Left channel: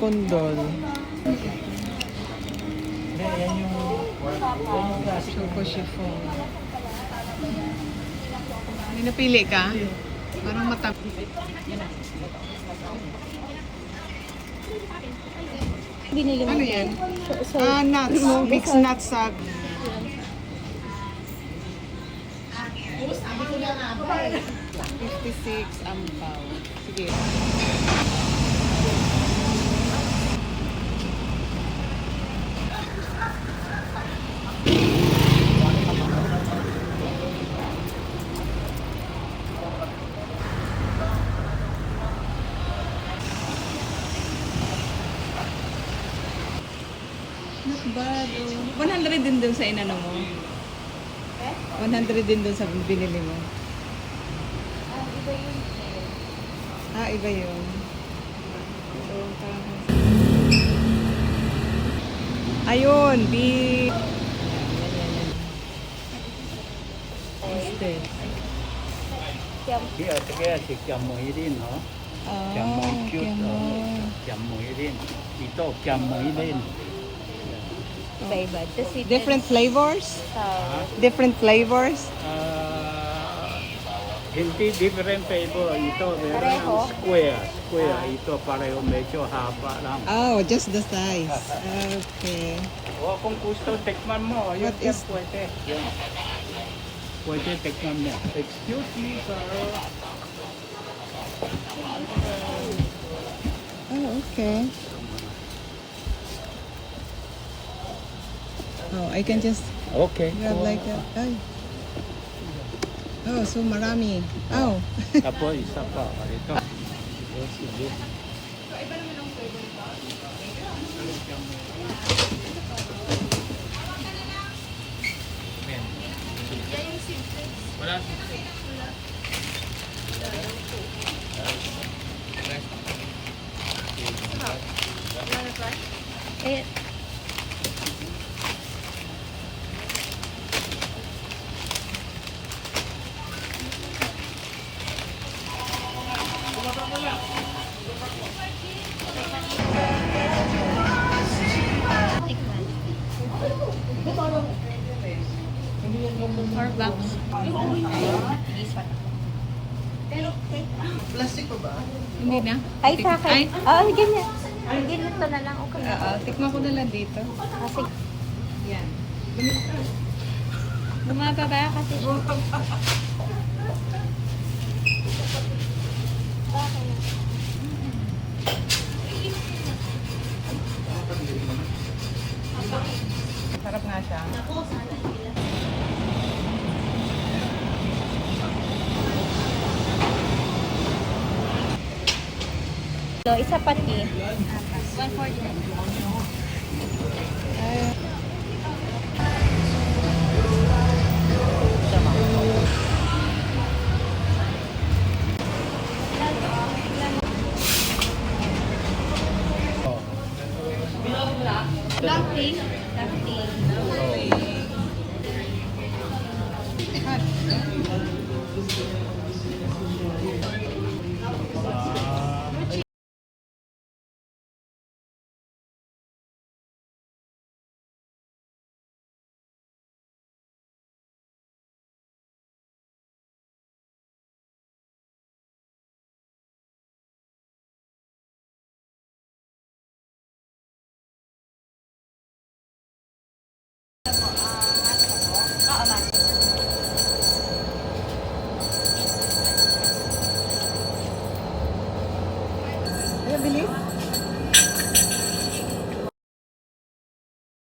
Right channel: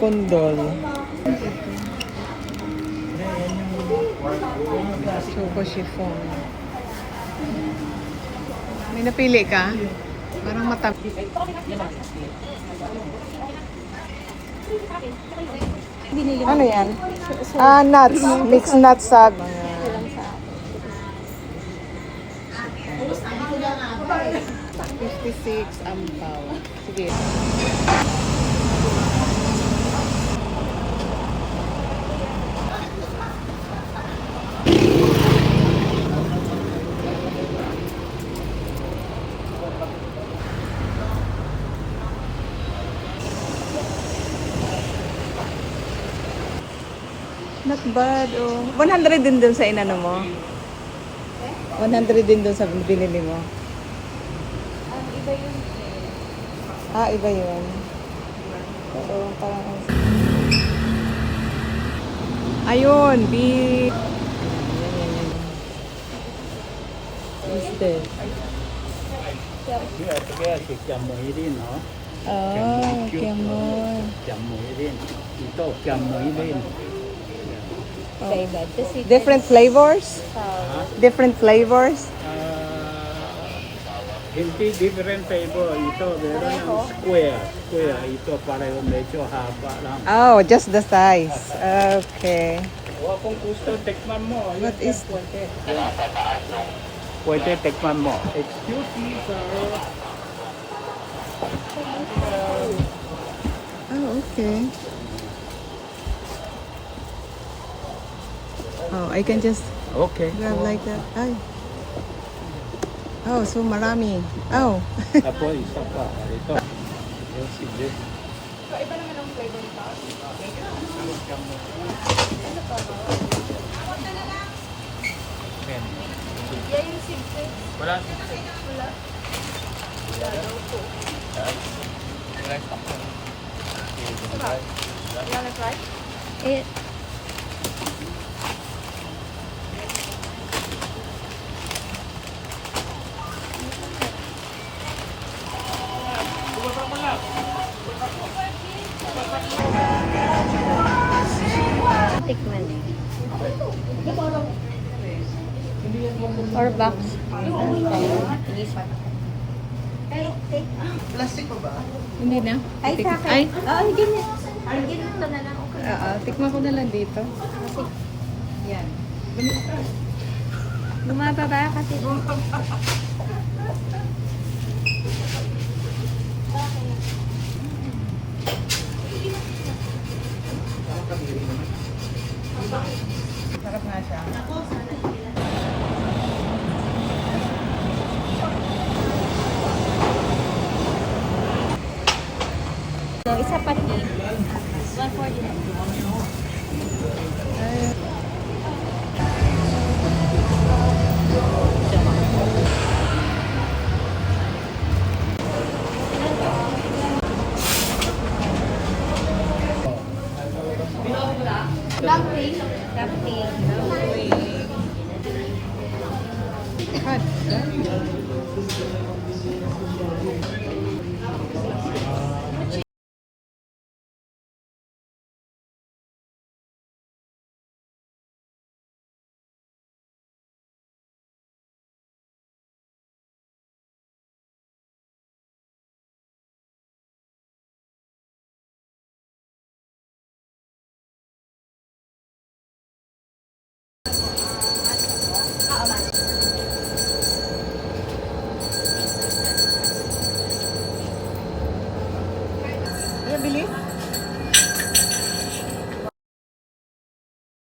Kondol. Choco chiffon. May napili ka? Parang matamis. Ano yan? Nuts. Mixed nuts sa... 56 ampaw. Sige. Not bad, oh. 100 din dun sa inano mo? 100 din dun sa binili mo? Iba yun. Iba yun. Oo, parang... Ayun, beef. Yan. Instead. Kaya si Kiamoirin, no? Kiamon. Kiamoirin. Ito, Kiamoirin. Different flavors? Different flavors? Hindi different flavor. Ito, meron ng square. Ito, pareho medyo haba lang. Oh, just the size. Okay. O, kung gusto, tikman mo. What is... Pwede. Pwede, tikman mo. Excuse me, sir. Oh, okay. Oh, I can just Okay. grab like that. Ay. Oh, so marami. Oh. Tapos, isa pa. Ito. Sige. Wala. Eh, tikman. 4 bucks. Plastic pa ba? Hindi na. Ay, sa akin. Ay. Ganyan. Ganyan pa na lang. Okay. Tikman ko na lang dito. Kasi, Yan. lumaba ba? Kasi, Sarap nga siya. so, isa pa rin. 140 na. Ay. Dumpling. Hot. Kaya bili?